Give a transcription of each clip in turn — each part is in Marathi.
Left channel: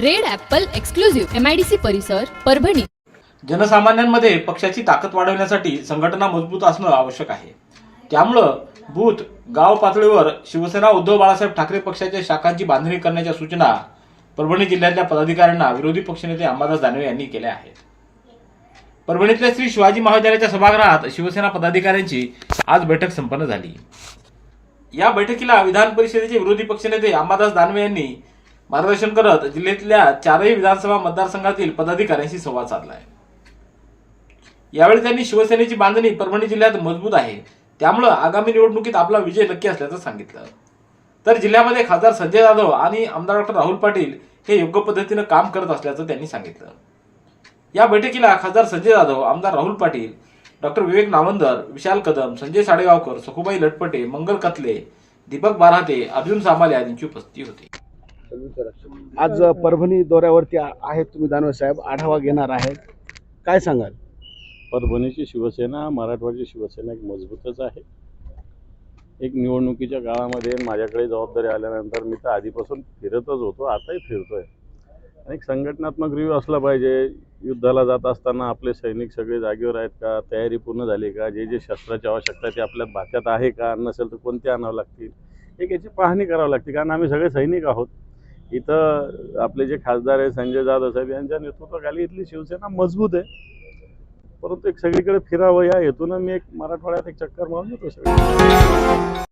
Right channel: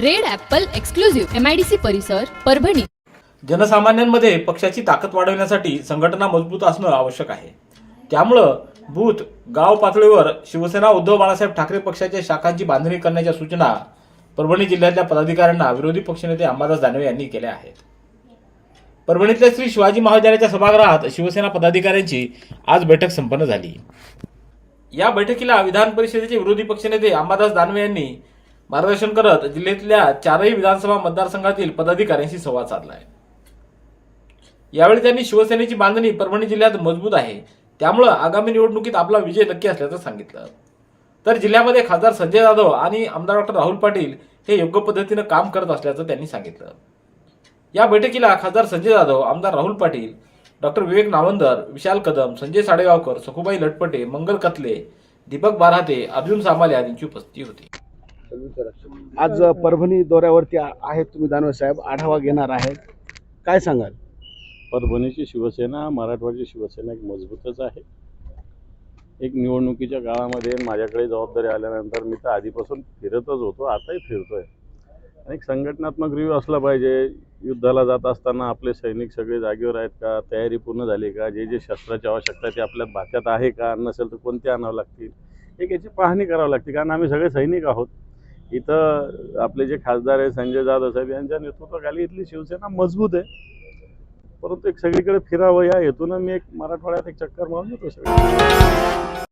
Red apple exclusive MIDC परिसर परभणी. जनसामान्यांमध्ये पक्षाची ताकद वाढवण्यासाठी संघटना मजबूत असणं आवश्यक आहे. त्यामुळं बूथ गाव पातळीवर शिवसेना उद्धव बाळासाहेब ठाकरे पक्षाच्या शाखांची बांधणी करण्याच्या सूचना परभणी जिल्ह्यातल्या पदाधिकाऱ्यांना विरोधी पक्षनेते अंबादास दानवे यांनी केल्या आहेत. परभणीतल्या श्री शिवाजी महाविद्यालयाच्या सभागृहात शिवसेना पदाधिकाऱ्यांची आज बैठक संपन्न झाली. या बैठकीला विधान परिषदेचे विरोधी पक्षनेते अंबादास दानवे यांनी मार्गदर्शन करत जिल्ह्यातल्या चारही विधानसभा मतदारसंघातील पदाधिकाऱ्यांशी संवाद साधला आहे यावेळी त्यांनी शिवसेनेची बांधणी परभणी जिल्ह्यात मजबूत आहे. त्यामुळं आगामी निवडणुकीत आपला विजय नक्की असल्याचं सांगितलं. तर जिल्ह्यामध्ये खासदार संजय जाधव आणि आमदार डॉक्टर राहुल पाटील हे योग्य पद्धतीनं काम करत असल्याचं त्यांनी सांगितलं. या बैठकीला खासदार संजय जाधव आमदार राहुल पाटील डॉक्टर विवेक नावंदर विशाल कदम संजय साडेगावकर सखुबाई लटपटे मंगल कथले दीपक बाराते अर्जुन सामाले आदींची उपस्थिती होती. आज परभणी दौऱ्यावरती आहेत तुम्ही दानवे साहेब आढावा घेणार आहेत. काय सांगाल? परभणीची शिवसेना मराठवाडची शिवसेना एक मजबूतच आहे. एक निवडणुकीच्या काळामध्ये माझ्याकडे जबाबदारी आल्यानंतर मी तर आधीपासून फिरतच होतो आताही फिरतोय. आणि एक संघटनात्मक रिव्ह्यू असला पाहिजे. युद्धाला जात असताना आपले सैनिक सगळे जागेवर आहेत का? तयारी पूर्ण झाली का? जे जे शस्त्राची आवश्यकता आहे ते आपल्या भात्यात आहे का? नसेल तर कोणते आणावं लागतील? एक याची पाहणी करावी लागते कारण आम्ही सगळे सैनिक आहोत. इथं आपले जे खासदार आहे संजय जाधव साहेब यांच्या नेतृत्वाखाली इथली शिवसेना मजबूत आहे. परंतु एक सगळीकडे फिरावं या हेतून मी एक मराठवाड्यात एक चक्कर मारून येतो सगळं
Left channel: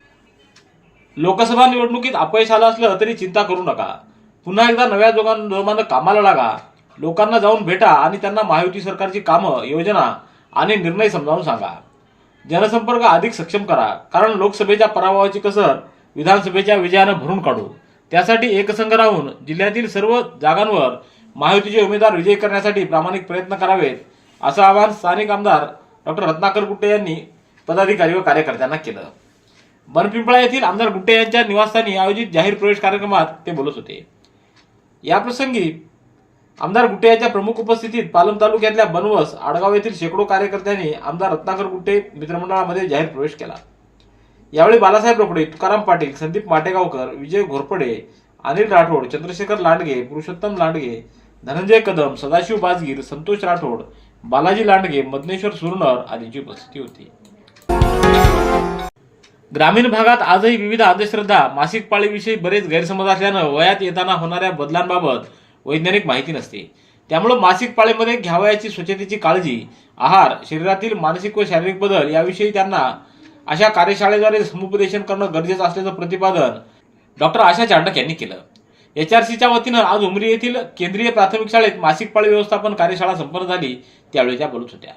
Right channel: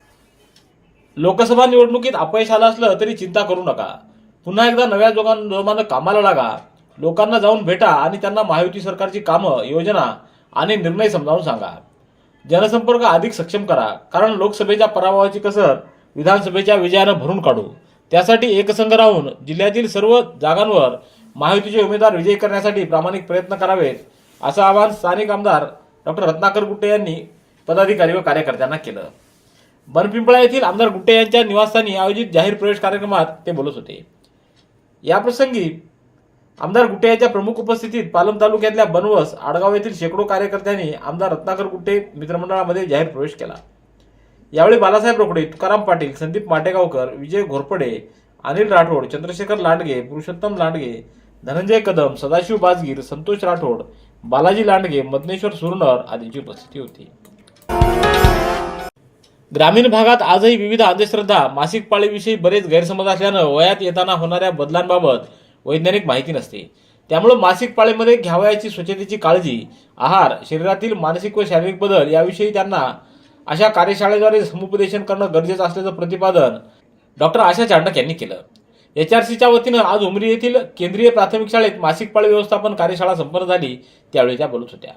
लोकसभा निवडणुकीत अपयश आलं असलं तरी चिंता करू नका. पुन्हा एकदा नव्या जोमानं कामाला लागा. लोकांना जाऊन भेटा आणि त्यांना महायुती सरकारची कामं योजना आणि निर्णय समजावून सांगा. जनसंपर्क अधिक सक्षम करा. कारण लोकसभेच्या पराभवाची कसर विधानसभेच्या विजयानं भरून काढू. त्यासाठी एकसंघ राहून जिल्ह्यातील सर्व जागांवर महायुतीचे उमेदवार विजयी करण्यासाठी प्रामाणिक प्रयत्न करावेत असं आवाहन स्थानिक आमदार डॉक्टर रत्नाकर गुट्टे यांनी पदाधिकारी व कार्यकर्त्यांना केलं. बनपिंपळा येथील आमदार गुट्टे यांच्या निवासस्थानी आयोजित जाहीर प्रवेश कार्यक्रमात ते बोलत होते. याप्रसंगी आमदार गुट्टे यांच्या प्रमुख उपस्थितीत पालम तालुक्यातल्या बनवस आडगाव येथील शेकडो कार्यकर्त्यांनी आमदार रत्नाकर गुट्टे मित्रमंडळामध्ये जाहीर प्रवेश केला. यावेळी बालासाहेब रोकडे तुकाराम पाटील संदीप माटेगावकर विजय घोरपडे अनिल राठोड चंद्रशेखर लांडगे पुरुषोत्तम लांडगे धनंजय कदम सदाशिव बाजगीर संतोष राठोड बालाजी लांडगे मदनेश्वर सुरनर आदींची उपस्थिती होती. ग्रामीण भागात आजही विविध अंधश्रद्धा मासिक पाळीविषयी बरेच गैरसमज असल्यानं वयात येताना होणाऱ्या बदलांबाबत वैज्ञानिक माहिती नसते. त्यामुळं मासिक पाळीमध्ये घ्यावयाची स्वच्छतेची काळजी आहार शरीरातील मानसिक व शारीरिक बदल याविषयी त्यांना अशा कार्यशाळेद्वारे समुपदेशन करणं गरजेचं असल्याचं प्रतिपादन डॉक्टर आशा चांडक यांनी केलं. एच आर सीच्या वतीनं आज उमरी येथील केंद्रीय प्राथमिक शाळेत मासिक पाळी व्यवस्थापन कार्यशाळा संपन्न झाली. त्यावेळी त्या बोलत होत्या.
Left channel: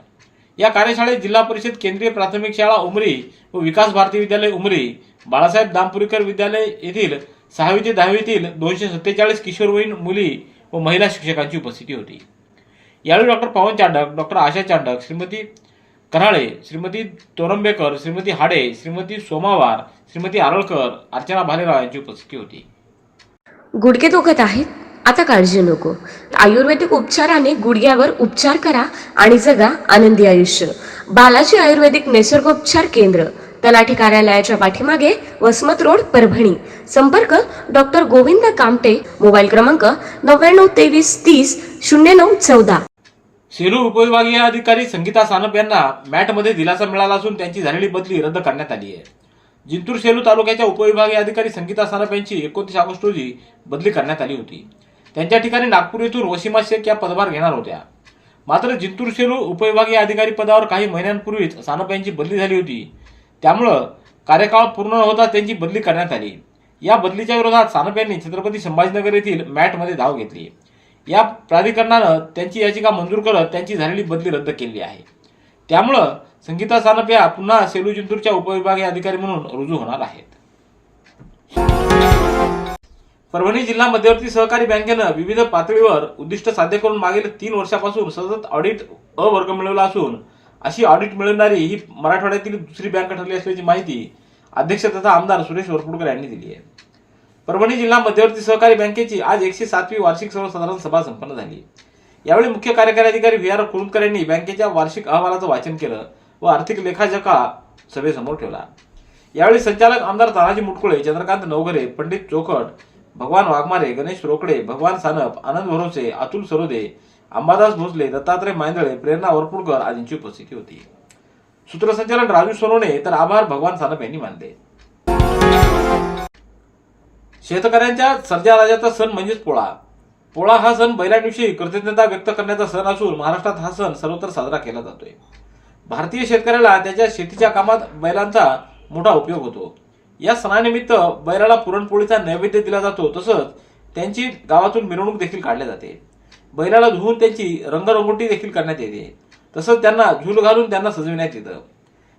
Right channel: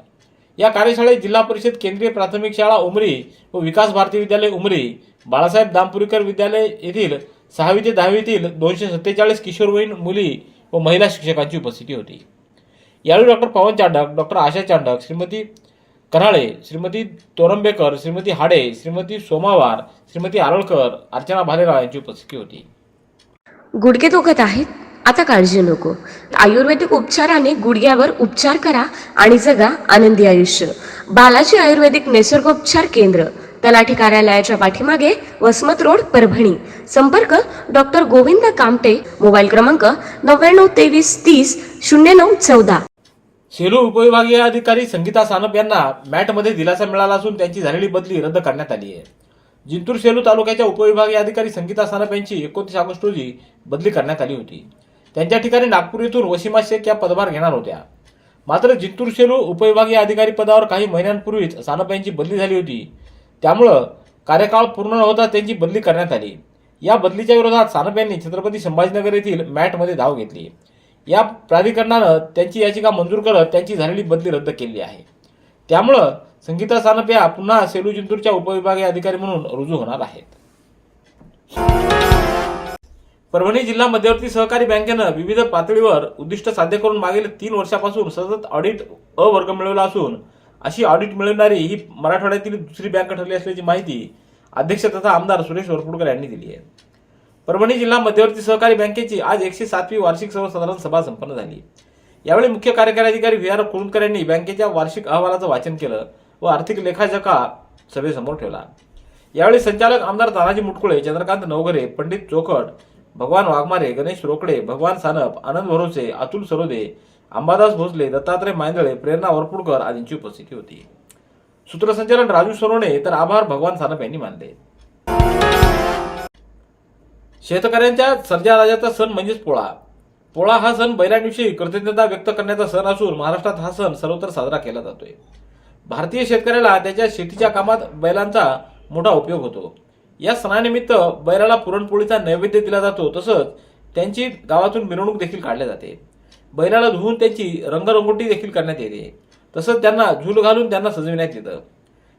या कार्यशाळेत जिल्हा परिषद केंद्रीय प्राथमिक शाळा उमरी व विकास भारती विद्यालय उमरी बाळासाहेब दामपुरीकर विद्यालय येथील सहावी ते दहावीतील दोनशे सत्तेचाळीस किशोरवयीन मुली व महिला शिक्षकांची उपस्थिती होती. यावेळी डॉक्टर पवन चांडक डॉक्टर आशा चांडक श्रीमती कराळे श्रीमती तोरंबेकर श्रीमती हाडे श्रीमती सोमावार श्रीमती आरळकर अर्चना भालेराव यांची उपस्थिती होती. गुडघे दुखत आहेत? आता काळजी नको. आयुर्वेदिक उपचाराने गुडघ्यावर उपचार करा आणि जगा आनंदी आयुष्य. बालाजी आयुर्वेदिक निसर्गोपचार केंद्र तलाठी कार्यालयाच्या पाठीमागे वसमत रोड परभणी. संपर्क डॉक्टर गोविंद कामटे मोबाईल क्रमांक नव्याण्णव तेवीस तीस शून्य नऊ चौदा. सेलू उपविभागीय अधिकारी संगीता सानप यांना मॅटमध्ये दिलासा मिळाला असून त्यांची झालेली बदली रद्द करण्यात आली आहे. जिंतूर सेलू तालुक्याच्या उपविभागीय अधिकारी संगीता सानप यांची एकोणतीस ऑगस्ट रोजी बदली करण्यात आली होती. त्यांच्या ठिकाणी नागपूर येथून वशिमा शेख या पदभार घेणार होत्या. मात्र जिंतूर सेलू उपविभागीय अधिकारी पदावर काही महिन्यांपूर्वीच सानप यांची बदली झाली होती. त्यामुळं कार्यकाळ पूर्ण न होता त्यांची बदली करण्यात आली. या बदलीच्या विरोधात सानप यांनी छत्रपती संभाजीनगर येथील मॅटमध्ये धाव घेतली. या प्राधिकरणानं त्यांची याचिका मंजूर करत त्यांची झालेली बदली रद्द केली आहे. त्यामुळं संगीता सानप या पुन्हा सेलू जिंतूरच्या उपविभागीय अधिकारी म्हणून रुजू होणार आहेत. परभणी जिल्हा मध्यवर्ती सहकारी बँकेनं विविध पातळीवर उद्दिष्ट साध्य करून मागील तीन वर्षापासून सतत ऑडिट अ वर्ग मिळवला असून अशी ऑडिट मिळवणारी ही मराठवाड्यातील दुसरी बँक ठरली असल्याची माहिती अध्यक्ष तथा आमदार सुरेश वरपुडकर यांनी दिली आहे. परभणी जिल्हा मध्यवर्ती सहकारी बँकेची आज एकशे सातवी वार्षिक सर्वसाधारण सभा संपन्न झाली. यावेळी मुख्य कार्यकारी अधिकारी व्ही आर कुरुंदकर यांनी बँकेच्या वार्षिक अहवालाचं वाचन केलं व आर्थिक लेखाजोखा सभेसमोर ठेवला. यावेळी संचालक आमदार तानाजी मुटकुळे चंद्रकांत नवघरे पंडित चोखट भगवान वाघमारे गणेश रोकडे भगवान सानप आनंद भरोसे अतुल सरोदे अंबादास भोसले दत्तात्रय मांदळे प्रेरणा वरपुडकर आदींची उपस्थिती होती. सूत्रसंचालन राजू सोनवणे तर आभार भगवान सानप यांनी मानले. शेतकऱ्यांच्या सर्जा राजाचा सण म्हणजेच पोळा. पोळा हा सण बैलांविषयी कृतज्ञता व्यक्त करण्याचा सण असून महाराष्ट्रात हा सण सर्वत्र साजरा केला जातोय. भारतीय शेतकऱ्याला त्याच्या शेतीच्या कामात बैलांचा मोठा उपयोग होतो. या सणानिमित्त बैलाला पुरणपोळीचा नैवेद्य दिला जातो तसंच त्यांची गावातून मिरवणूक देखील काढली जाते. बैलाला धुवून त्यांची रंगरंगोटी देखील करण्यात येते. तसंच त्यांना झूल घालून त्यांना सजविण्यात येतं.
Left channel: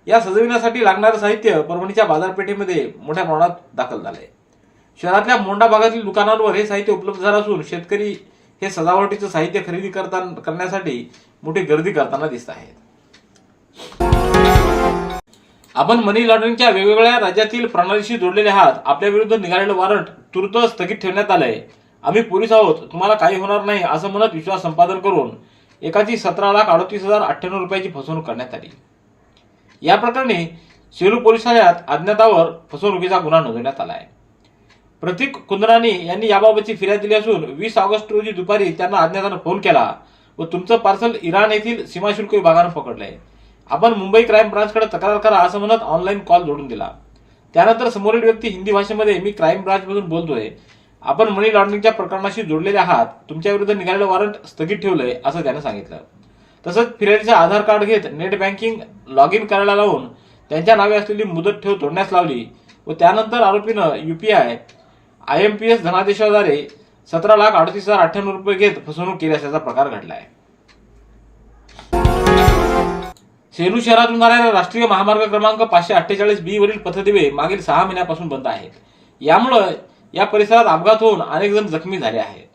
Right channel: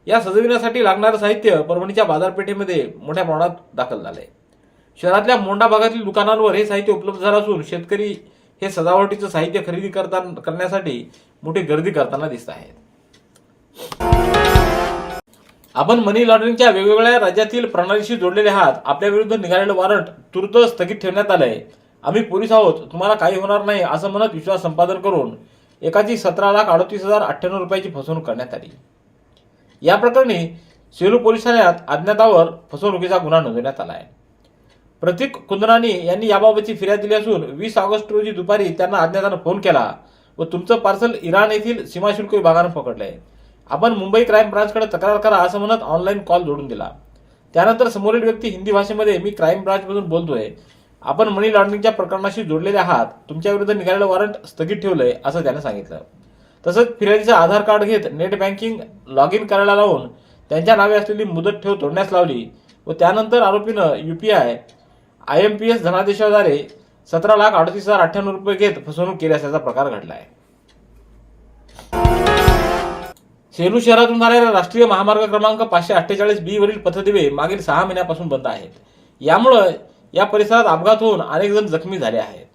या सजविण्यासाठी लागणारं साहित्य परभणीच्या बाजारपेठेमध्ये मोठ्या प्रमाणात दाखल झालंय. शहरातल्या मोंडा भागातील दुकानांवर हे साहित्य उपलब्ध झालं असून शेतकरी हे सजावटीचं साहित्य खरेदी करताना करण्यासाठी मोठी गर्दी करताना दिसत आहेत. आपण मनी लॉन्ड्रिंगच्या वेगवेगळ्या राज्यातील प्रणालीशी जोडलेले आहात. आपल्या विरुद्ध निघालेलं वॉरंट तुर्त स्थगित ठेवण्यात आलंय. आम्ही पोलीस आहोत. तुम्हाला काही होणार नाही असं म्हणत विश्वास संपादन करून एकाची सतरा लाख अडतीस हजार अठ्ठ्याण्णव रुपयाची फसवणूक करण्यात आली. या प्रकरणी सेलू पोलीस ठाण्यात अज्ञातावर फसवणुकीचा गुन्हा नोंदवण्यात आला आहे प्रतीक कुंदरानी यांनी याबाबतची फिर्याद दिली असून वीस ऑगस्ट रोजी दुपारी त्यांना अज्ञातानं फोन केला व तुमचं पार्सल इराण येथील सीमाशुल्क विभागानं पकडलंय. आपण मुंबई क्राईम ब्रांचकडे तक्रार करा असं म्हणत ऑनलाईन कॉल जोडून दिला. त्यानंतर समोरील व्यक्ती हिंदी भाषेमध्ये मी क्राईम ब्रांचमधून बोलतोय. आपण मनी लॉन्ड्रिंगच्या प्रकरणाशी जोडलेले आहात. तुमच्या विरुद्ध निघालेलं वॉरंट स्थगित ठेवलंय असं त्यानं सांगितलं. तसंच फिर्यादीचं आधार कार्ड घेत नेट बँकिंग लॉग इन करायला लावून त्यांच्या नावे असलेली मुदत ठेव तोडण्यास लावली व त्यानंतर आरोपीनं UPI I M P S धनादेशाद्वारे सतरा लाख अडतीस हजार अठ्ठ्याण्णव रुपये घेत फसवणूक केली असल्याचा प्रकार घडला आहे सेलू शहरातून जाणाऱ्या राष्ट्रीय महामार्ग क्रमांक पाचशे अठ्ठेचाळीस बी वरील पथदिवे मागील सहा महिन्यापासून बंद आहेत. यामुळं या परिसरात अपघात होऊन अनेक जण जखमी झाले आहेत.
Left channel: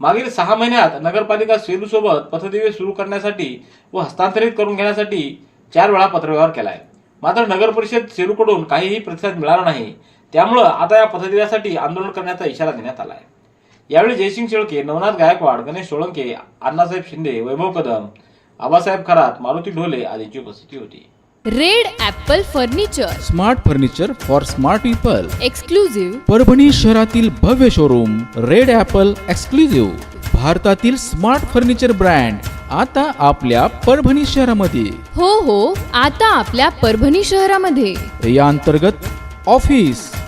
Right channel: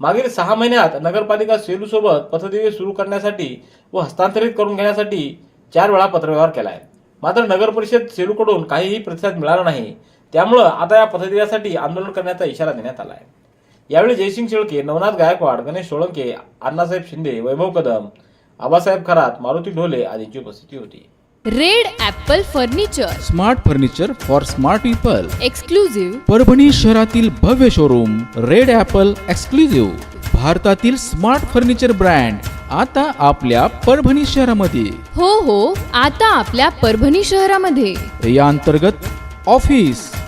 मागील सहा महिन्यात नगरपालिका सेलूसोबत पथदिवे सुरू करण्यासाठी व हस्तांतरित करून घेण्यासाठी चार वेळा पत्रव्यवहार केला आहे मात्र नगर परिषद सेलूकडून काहीही प्रतिसाद मिळाला नाही. त्यामुळं आता या पथदिव्यासाठी आंदोलन करण्याचा इशारा देण्यात आला आहे. यावेळी जयसिंग शेळके नवनाथ गायकवाड गणेश सोळंके अण्णासाहेब शिंदे वैभव कदम आबासाहेब खरात मारुती ढोले आदींची उपस्थिती होती. Red apple furniture. Smart furniture for smart people. Exclusive Parbhani शहरातील भव्य शोरूम रेड ॲपल एक्सक्लुझिव्ह भारतातील स्मार्ट फर्निचर ब्रँड आता आपल्या परभणी शहरामध्ये. हो हो आता आपल्या परभणी शहरामध्ये. या अंतर्गत ऑफिस.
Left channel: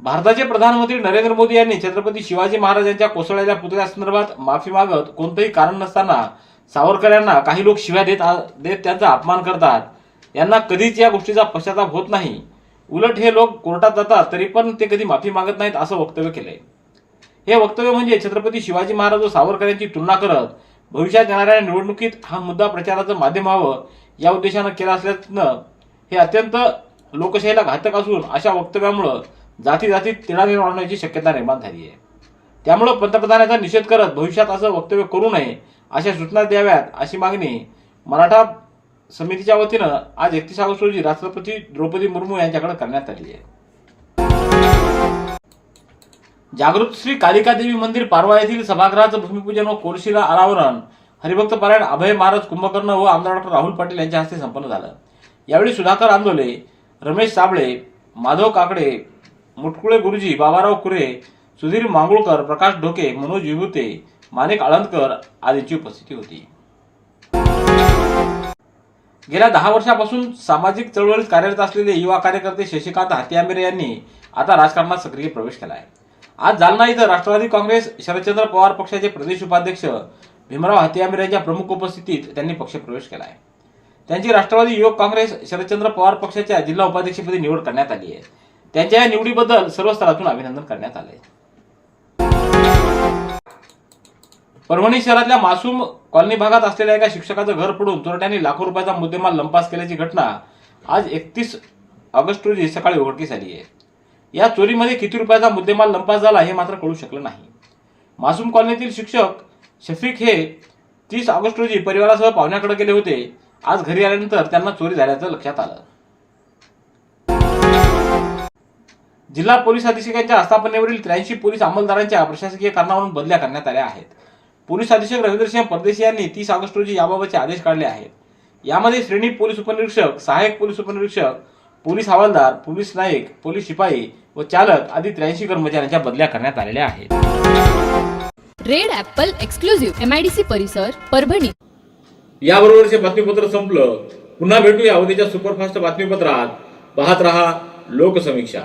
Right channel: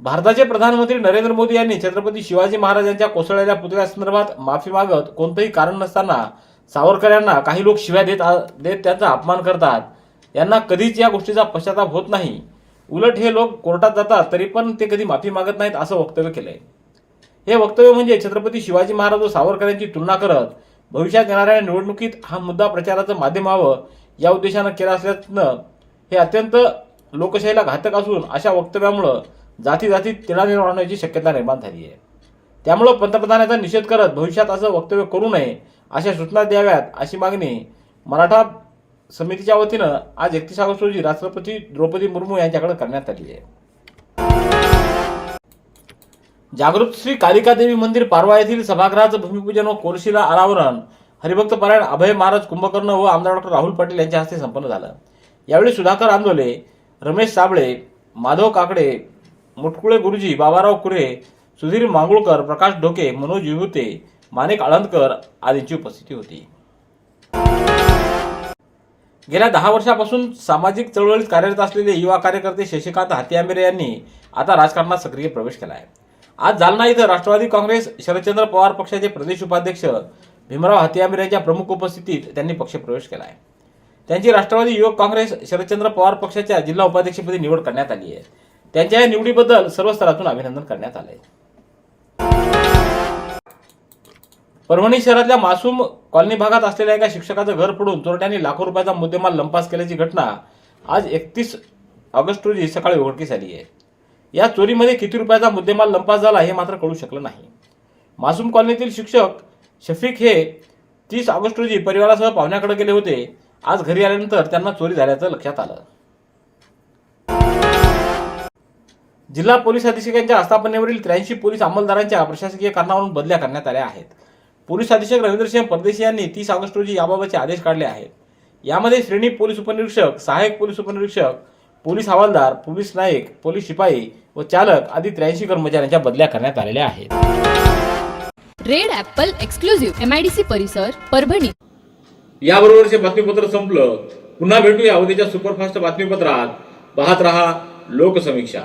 भारताचे प्रधानमंत्री नरेंद्र मोदी यांनी छत्रपती शिवाजी महाराजांच्या कोसळलेल्या पुतळ्यासंदर्भात माफी मागत कोणतंही कारण नसताना सावरकर यांना काही लोक शिव्या देत देत त्यांचा अपमान करतात. यांना कधीच या गोष्टीचा पश्चाताप होत नाही. उलट हे लोक कोर्टात जातात तरी पण ते कधी माफी मागत नाहीत असं वक्तव्य केलंय. हे वक्तव्य म्हणजे छत्रपती शिवाजी महाराज व सावरकर यांची तुलना करत भविष्यात येणाऱ्या निवडणुकीत हा मुद्दा प्रचाराचं माध्यम व्हावं या उद्देशानं केला असल्यानं हे अत्यंत लोकशाहीला घातक असून अशा वक्तव्यामुळं जाती जातीत तिणाने वाढण्याची शक्यता निर्माण झाली आहे. त्यामुळं पंतप्रधानांचा निषेध करत भविष्यात असं वक्तव्य करू नये अशा सूचना द्याव्यात अशी मागणी मराठा समितीच्या वतीनं आज एकतीस ऑगस्ट रोजी राष्ट्रपती द्रौपदी मुर्मू यांच्याकडे करण्यात आली आहे. जागृत श्री कालिका देवी मंदिर पारवा येथील सभागृहाचं भूमिपूजन व कोरशीला अनावरण हरिभक्त पारायण अभय महाराज कुंभकर्ण व आमदार डॉक्टर राहुल पाटील यांच्या हस्ते संपन्न झालं. यावेळी सुधाकर आंदोले रमेश साबळे माधव काकडे मुटकुळे गुरुजी बाबाराव कुरे सुधीर मांगुळकर प्रकाश ढोके मनोज विभूते माणिक आळंदकर आदींची उपस्थिती होती. गेल्या दहा वर्षापासून सामाजिक चळवळीत कार्यरत असलेले युवा कार्यकर्ते शशिकांत हातियामिरे यांनी आता राजकारणात सक्रिय प्रवेश केला आहे आज जालना इथं राष्ट्रवादी काँग्रेस शरदचंद्र पवार पक्षाचे प्रदेश उपाध्यक्ष भीमराव हाती यांच्या प्रमुख उपस्थितीत त्यांनी पक्षप्रवेश केला आहे त्यांची राष्ट्रवादी युवक काँग्रेस शरदचंद्र पवार पक्षाच्या जिल्हा उपाध्यक्षपदी निवड करण्यात आली आहे. त्यांच्या या निवडीबद्दल सर्व स्तरातून अभिनंदन करण्यात आलंय. परभणी शहरातल्या मासूम कॉलनी भागात असलेल्या एका शिक्षकाचं घर पडून चोरट्यांनी लाखो रुपयाचा मुद्देमाल लंपास केल्याची घटना आज एकतीस ऑगस्ट रोजी सकाळी उघडकीस आली आहे. या चोरीमध्ये किती रुपयाचा मुद्देमाल लंपास झाला हे मात्र कळू शकलं नाही. मासूम कॉलनीतील शिक्षक शफीक हे तीस ऑगस्ट रोजी परिवारासह पाहुण्याकडे गेले होते. आज घरी आल्यानंतर त्यांना चोरी झाल्याचं लक्षात आलं. जिल्हा पोलीस अधीक्षकांच्या आस्थापनेवरील त्र्याऐंशी पोलीस अंमलदारांच्या प्रशासकीय कारणावरून बदल्या करण्यात आल्या आहेत. पोलीस अधीक्षक रवींद्रसिंह परदेशी यांनी तीस ऑगस्ट रोजी याबाबतचे आदेश काढले आहेत. यामध्ये श्रेणी पोलीस उपनिरीक्षक सहाय्यक पोलीस उपनिरीक्षक पोलीस हवालदार पोलीस नाईक पोलीस शिपाई व चालक आदी त्र्याऐंशी कर्मचाऱ्यांच्या बदल्या करण्यात आलेल्या आहेत. Red apple exclusive M I D C परिसर परभणी. याबरोबरचे बातमीपत्र संपलं. पुन्हा भेटूया उद्याच्या सुपरफास्ट बातमीपत्रात. पाहत रहा लोकसमीक्षा.